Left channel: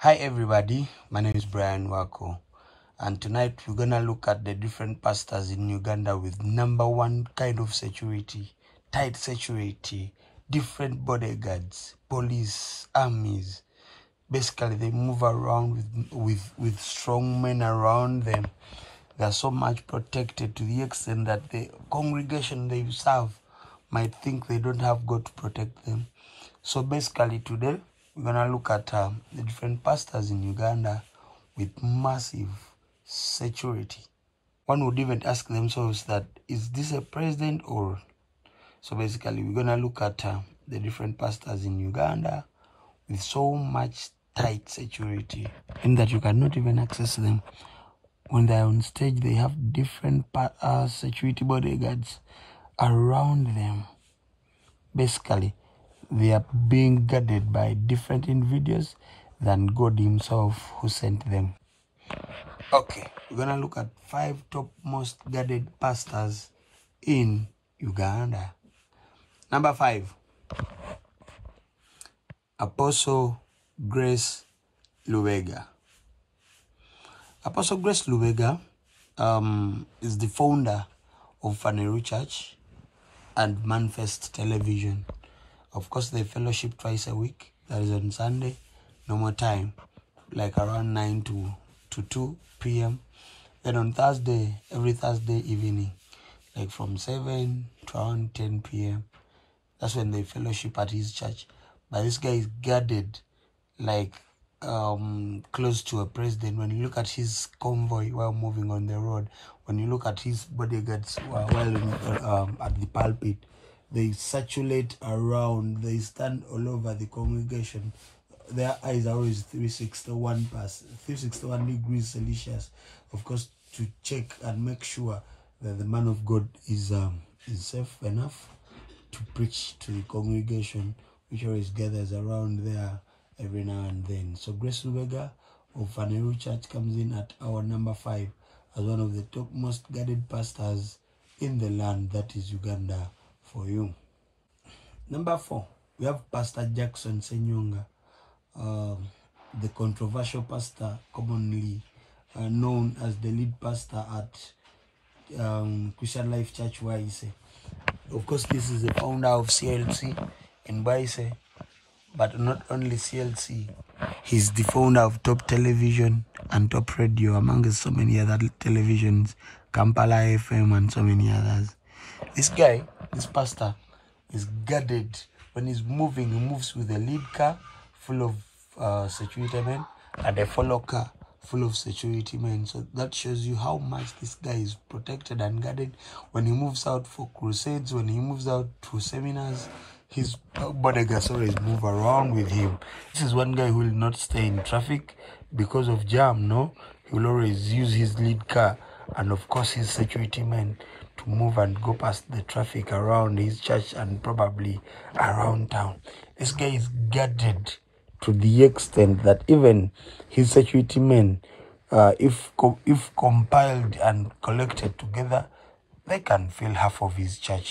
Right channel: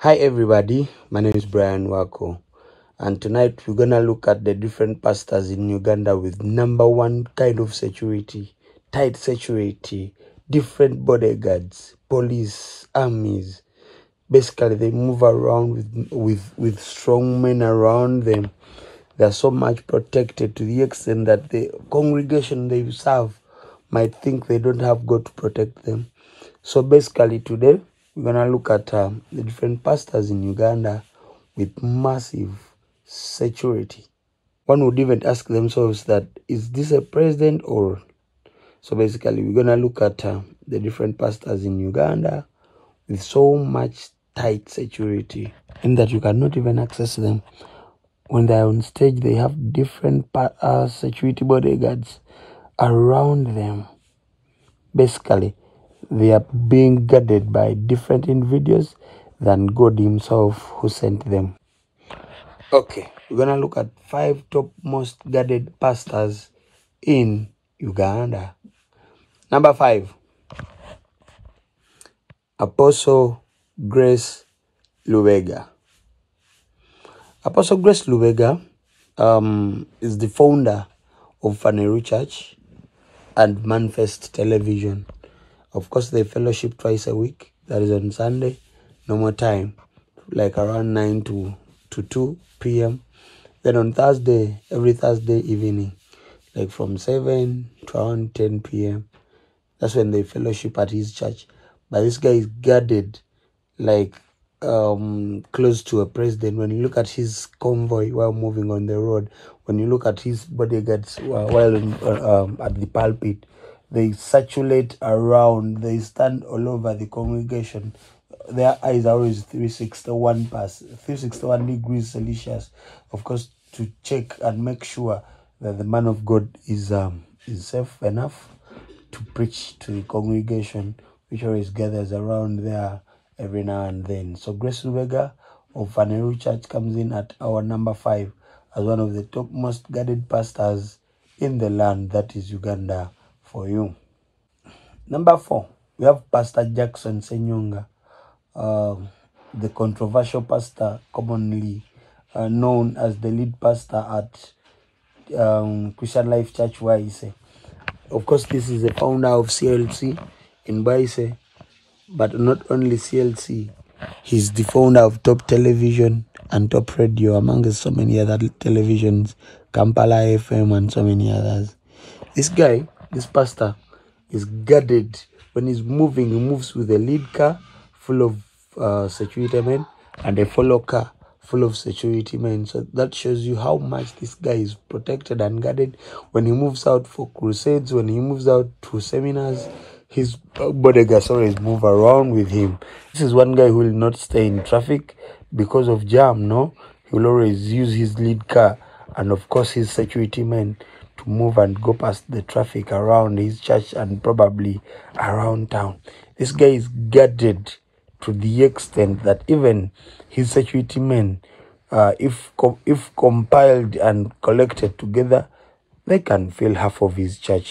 Hi everybody, my name is Brian Wako, and tonight we're gonna look at the different pastors in Uganda with number one kind of security, tight security, different bodyguards, police, armies. Basically, they move around with strong men around them. They're so much protected to the extent that the congregation they serve might think they don't have God to protect them. So basically today, we're going to look at the different pastors in Uganda with massive security. One would even ask themselves that, is this a president or... So basically, we're going to look at the different pastors in Uganda with so much tight security, and that you cannot even access them. When they're on stage, they have different security bodyguards around them. Basically, they are being guarded by different individuals than God himself who sent them. Okay, we're going to look at 5 top most guarded pastors in Uganda. Number 5, Apostle Grace Lubega. Apostle Grace Lubega is the founder of Faneru Church and Manifest Television. Of course, they fellowship twice a week. That is on Sunday, normal time, like around 9 to 2 p.m. Then on Thursday, every Thursday evening, like from 7 to around 10 p.m. That's when they fellowship at his church. But this guy is guarded like close to a president. When you look at his convoy while moving on the road, when you look at his bodyguards while at the pulpit, they circulate around, they stand all over the congregation. Their eyes are always 361 degrees Celsius, of course, to check and make sure that the man of God is safe enough to preach to the congregation, which always gathers around there every now and then. So Grace Lubega of Faneru Church comes in at our number 5 as one of the top most guarded pastors in the land that is Uganda for you. Number 4, we have Pastor Jackson Senyonga, the controversial pastor, commonly known as the lead pastor at Christian Life Church Waise. Of course, this is the founder of CLC in Waise. But not only CLC, he's the founder of Top Television and Top Radio, among so many other televisions, Kampala FM and so many others. This guy, this pastor, is guarded. When he's moving, he moves with a lead car full of security men and a follow car full of security men. So that shows you how much this guy is protected and guarded. When he moves out for crusades, when he moves out to seminars, his bodyguards always move around with him. This is one guy who will not stay in traffic because of jam, no? He will always use his lead car and of course his security men to move and go past the traffic around his church and probably around town. This guy is guarded to the extent that even his security men, if compiled and collected together, they can fill half of his church,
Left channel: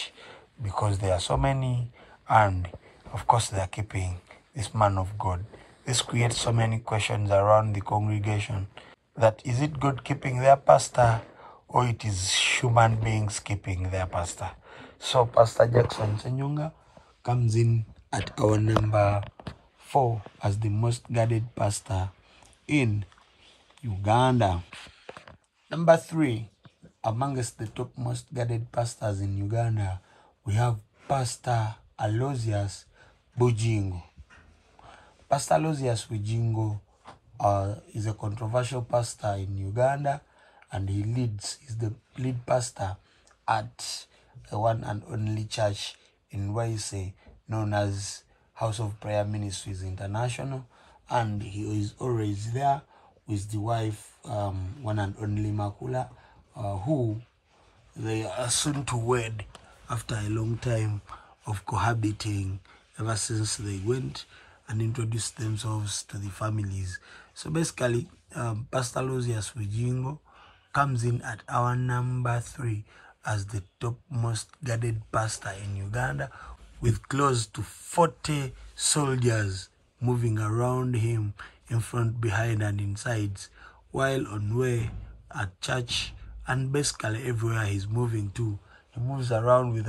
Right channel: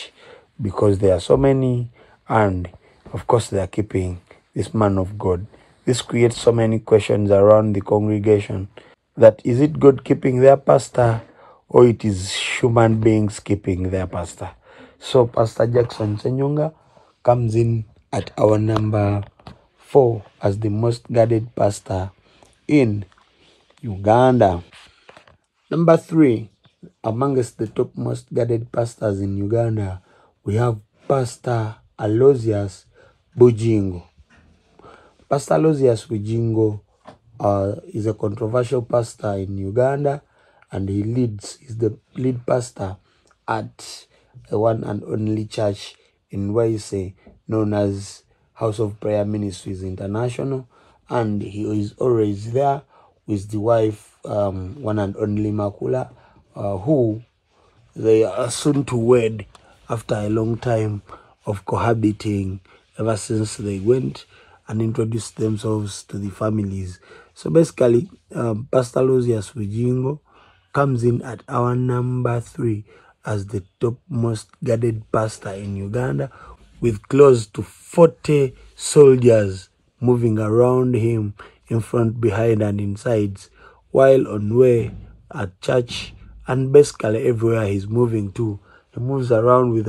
because there are so many. And of course, they are keeping this man of God. This creates so many questions around the congregation, that is it God keeping their pastor, or it is human beings keeping their pastor? So Pastor Jackson Senyonga comes in at our number 4 as the most guarded pastor in Uganda. Number 3, amongst the top most guarded pastors in Uganda, we have Pastor Aloysius Bujingo. Pastor Aloysius Bujingo is a controversial pastor in Uganda, and is the lead pastor at the one and only church in Waise known as House of Prayer Ministries International, and he is always there with the wife, one and only Makula, who they are soon to wed after a long time of cohabiting, ever since they went and introduced themselves to the families. So basically, Pastor Aloysius Bujingo comes in at our number 3 as the top most guarded pastor in Uganda, with close to 40 soldiers moving around him in front, behind, and inside, while on way at church, and basically everywhere he's moving to. He moves around with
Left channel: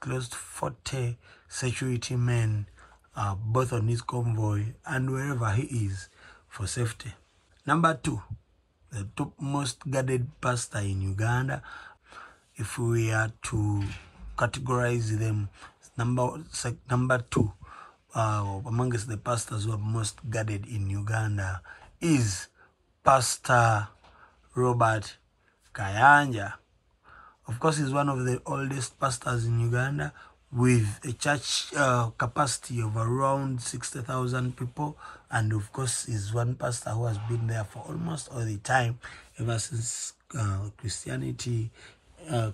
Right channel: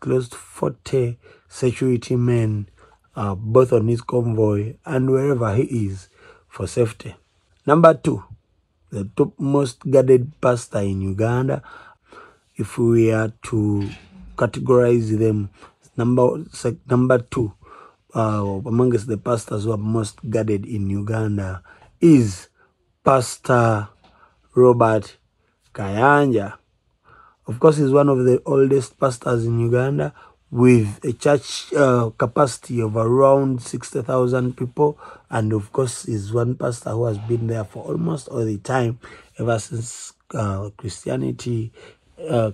close to 40 security men, both on his convoy and wherever he is, for safety. Number 2, the top most guarded pastor in Uganda. If we are to categorize them, number 2 amongst the pastors who are most guarded in Uganda is Pastor Robert Kayanja. Of course, he's one of the oldest pastors in Uganda, with a church capacity of around 60,000 people. And of course, he's one pastor who has been there for almost all the time, ever since Christianity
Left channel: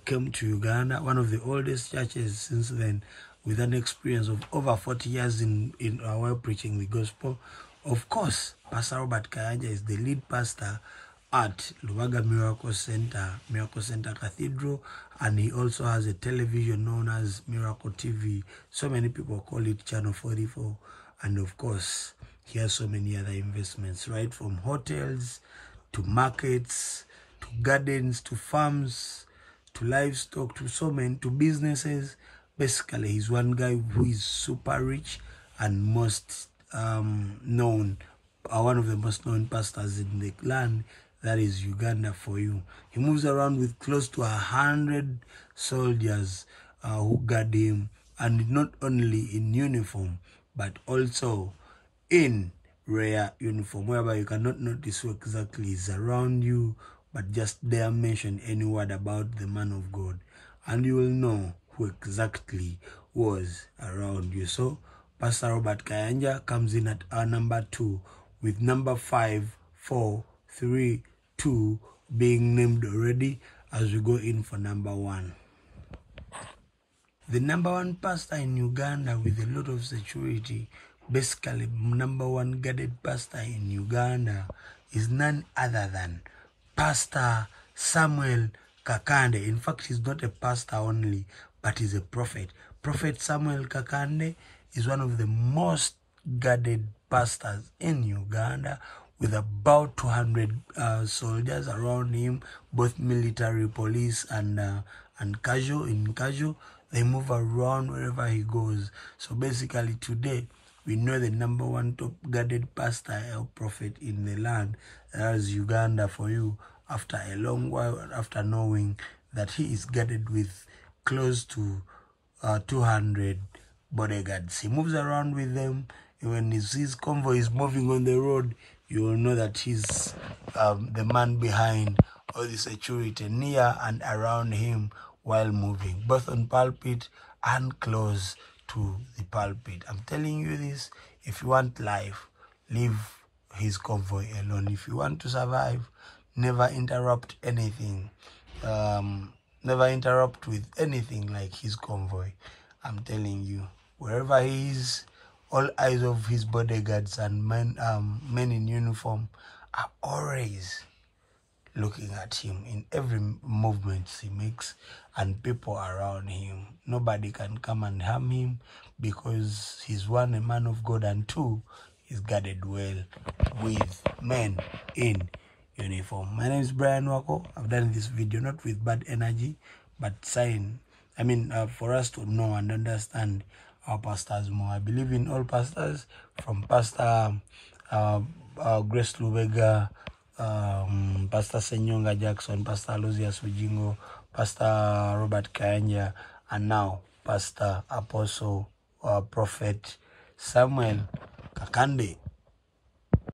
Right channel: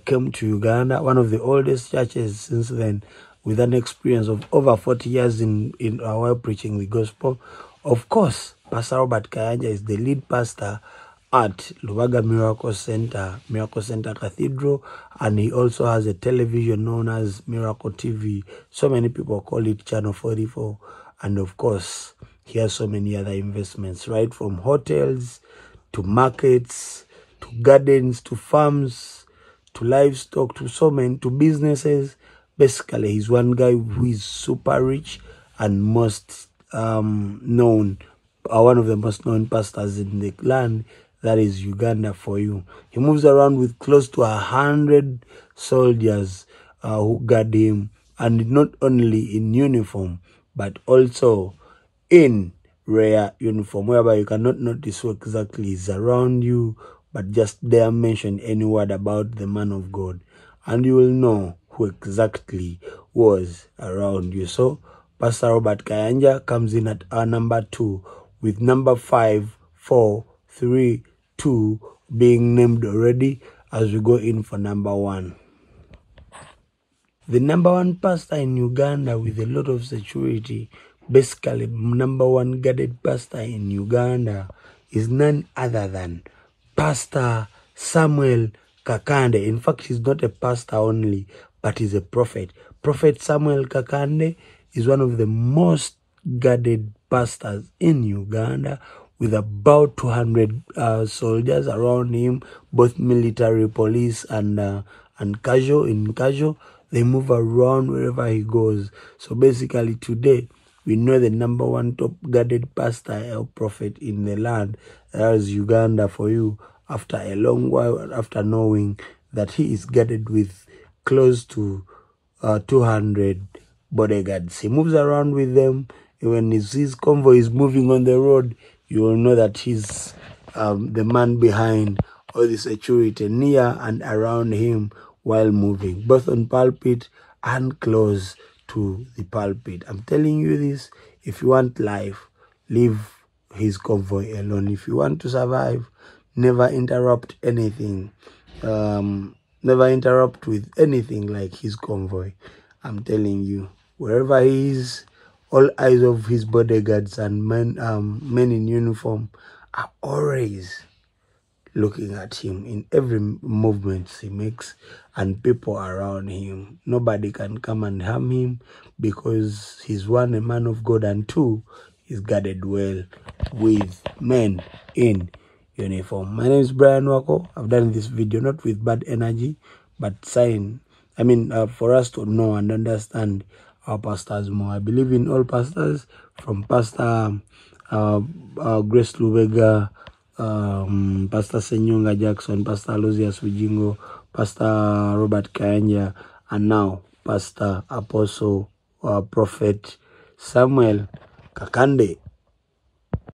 came to Uganda. One of the oldest churches since then, with an experience of over 40 years in our preaching the gospel. Of course, Pastor Robert Kayanja is the lead pastor at Lubaga Miracle Center Cathedral, and he also has a television known as Miracle TV. So many people call it Channel 44. And of course, he has so many other investments, right from hotels to markets to gardens to farms to livestock to so many, to businesses. Basically, he's one guy who is super rich and most known, one of the most known pastors in the land. That is Uganda for you. He moves around with close to 100 soldiers who guard him, and not only in uniform, but also in rare uniform, whereby you cannot notice who exactly is around you, but just dare mention any word about the man of God, and you will know who exactly was around you. So Pastor Robert Kayanja comes in at our number 2, with number 5, 4, 3, 2 being named already, as we go in for number 1. The number 1 pastor in Uganda with a lot of security, basically number 1 guarded pastor in Uganda, is none other than Pastor Samuel Kakande. In fact, he's not a pastor only, but he's a prophet. Prophet Samuel Kakande is one of the most guarded pastors in Uganda, with about 200 soldiers around him, both military, police, and casual. They move around wherever he goes. So basically today, we know the number 1 top guarded pastor or prophet in the land. That is Uganda for you, after a long while, after knowing that he is guarded with close to 200 bodyguards. He moves around with them. When his convoy is moving on the road, you will know that he's the man behind all the security near and around him while moving, both on pulpit and close to the pulpit. I'm telling you this, if you want life, leave his convoy alone. If you want to survive, never interrupt anything. Never interrupt with anything like his convoy. I'm telling you, wherever he is, all eyes of his bodyguards and men in uniform are always looking at him in every movement he makes, and people around him. Nobody can come and harm him, because he's 1, a man of God, and 2, he's guarded well with men in uniform. My name is Brian Wako. I've done this video not with bad energy, but for us to know and understand our pastors more. I believe in all pastors, from Pastor Grace Lubega, Pastor Senyunga Jackson, Pastor Alozias Ujingo, Pastor Robert Kayanja, and now Pastor Apostle Prophet Samuel Kakande.